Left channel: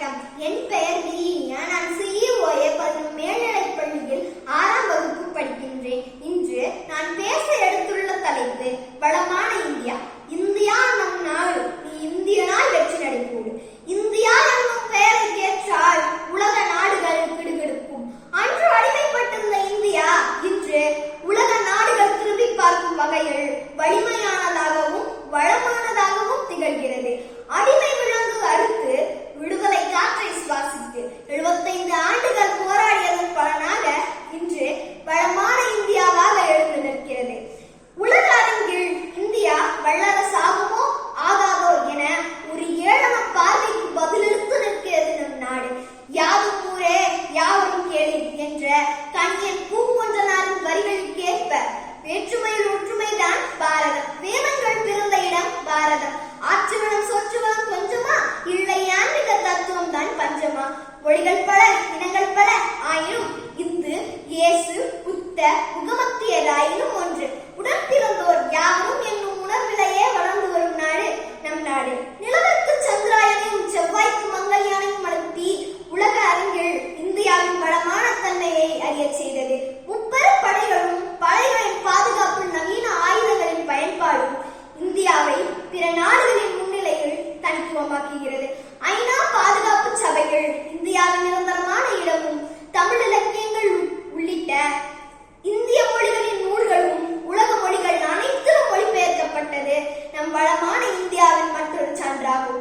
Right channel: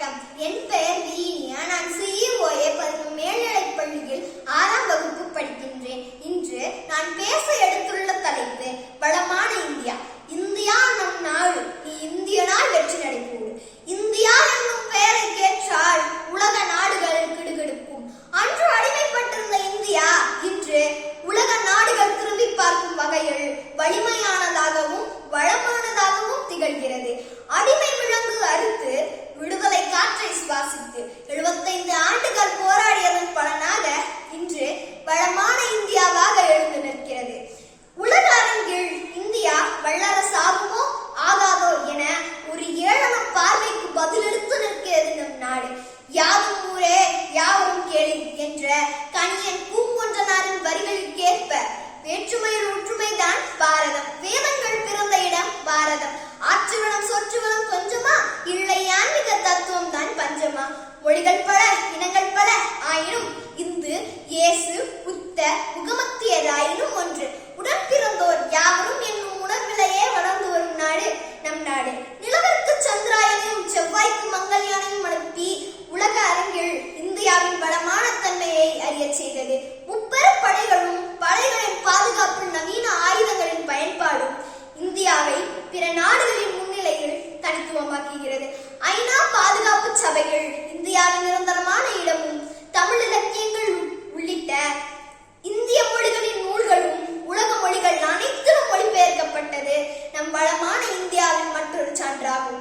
வணக்கம். என் பெயர் லீனியா நான் சிஇஓஏ பதினொன்று மேல்நிலைப் பள்ளியில் ஆறாம் வகுப்பு படிக்கின்றேன். இன்று நான் பேச எடுத்துள்ள தலைப்பு வளமான இந்தியா. இந்தியா நம் நாடு நீ இந்தியனாய் வெற்றி நடைபோடு. இந்தியா என்னும் பெயரை கேட்டால் உலக நாடுகள் கிடுகிடுக்கும். அன்று அடிமைப்பட்டிருந்த இந்தியா இன்று உலக நாடுகள் திரும்பி பார்க்கும் வகையில் வலிமையானதாகவும் வளமானதாகவும் திகழ்கிறது. அடிமை வேற்றுமையில் ஒற்றுமைதான் பாரதம். வேதங்கள் பிறந்த இடம் பாரதம். ஆற்றுவனம் சொற்றுவனம் கொஞ்சமா இல்லை ஆன்மீக தத்துவம் தான் பஞ்சமா. மொழிகள் பல இனங்கள் பல ஆயினும் இந்து இயேசு புத்த முகமது பிற நாடுகளின் முன்னிலையில் தனித்துவமாக்குகிறது. ஐநா பாதுகாப்பு சபைகள் இந்தியாவின் நிரந்தரமான இடமும் தமிழ் இலக்கியங்கள் உள்ளிட்ட இந்திய மொழிகளின் நூல்களும் உலக மொழிகள் அனைத்திலும் மொழிபெயர்க்கப்பட்டது நம் வளமான இந்தியாவின் மற்றொரு சான்றாகும்.